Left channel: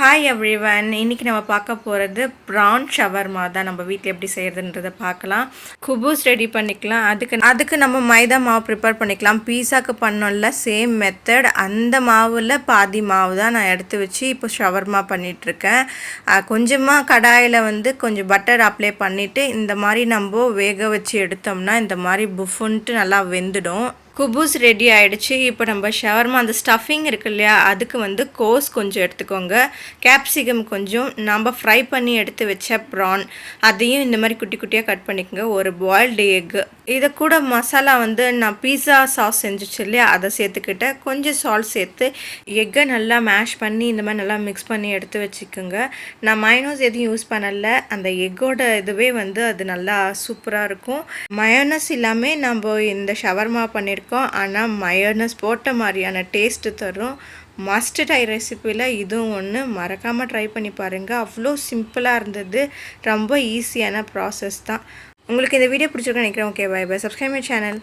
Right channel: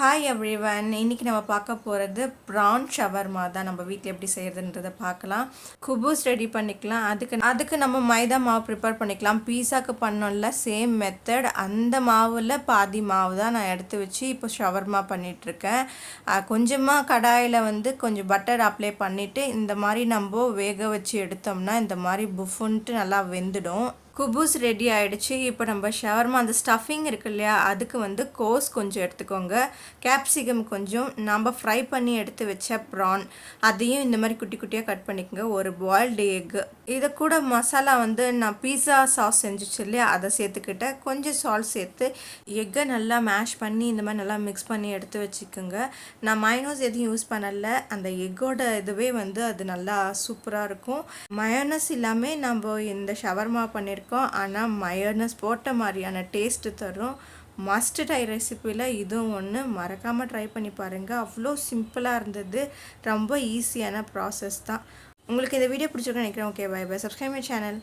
Hi everyone, இன்னைக்கு நம்ம பார்க்க போகிறது ப்ரான் ஷவர்மா தான். நம்ம வீட்டில் எப்படி செய்கிறதுன்றதை பார்க்கலாம். குபூஸ் ரெடி பண்ணிக்கலாம். அதுக்கு நம்ம மைதா மாவு ப்ரிப்பேர் பண்ணிக்கலாம். பீஸாக்கு பண்ணோம்ல சேம் மெத்தட், அந்த மாவில் பாதி மாவு தான் நான் எடுத்து வச்சு இப்போ ஷவர்மா பண்ணிகிட்ருக்கேன். கொஞ்சமாக கடாயில் கொஞ்சம் பட்டர் அப்ளை பண்ணிவிட்டு இந்த மாதிரி நம்ம வேக வச்சு எடுத்தோம்னா இந்த மாதிரி புஃபுன்ட்டு நல்லா வெந்துடும். குபூஸ் ரெடி ஆகிடுச்சு. இப்போ நம்ம ஷவர்மா அந்த ஸ்டஃபிங் இருக்கு இல்லையா, அதுக்கு கோஸ் கொஞ்சம் எடுத்துக்கோங்க, கேப்சிகம் கொஞ்சம், நம்ம ஃப்ரை பண்ணி எடுத்து வச்ச ப்ரான் அதையும் இந்த மாதிரி குட்டி குட்டியாக கட் பண்ணிக்கோங்க, ஒரு பாயில்டு எக்கு. இதை கூட மசாலா நான் பீஸா சாஸ் செஞ்சுச்சு இல்லையா, அதை சேர்த்துக்கிட்டேன். கொஞ்சம் சால்ட் சேர்த்து எக்கை நல்லா மேஷ் பண்ணி இந்த மாதிரி நல்லா மிக்ஸ் பண்ணி எடுத்து வச்சுக்கோங்க. நான் மயோனஸ் எதுவும் யூஸ் பண்ணலை, அந்த எக்கோட இதுவே அது நல்லா சூப்பராக இருக்கும். மயோனஸ் இல்லாமல் நம்ம இந்த ஷவர்மா பண்ணியிருக்கோம், ஆனால் மயோனஸ் போட்ட மாதிரியான டேஸ்ட்டு தரும். மஸ்ட் ட்ரை ரெசிப்பியில் இதுவும் ஒன்று, மறக்காமல் ட்ரை பண்ணி பாருங்கள். அவ்வளோ சிம்பிளாக இருந்தது, ரொம்ப ஈஸியான ப்ராசஸ் தான். உங்களுக்கு இந்த வீடியோ பிடிச்சிருக்குன்னு நினைக்கிறேன். Okay, bye bye. Subscribe my channel.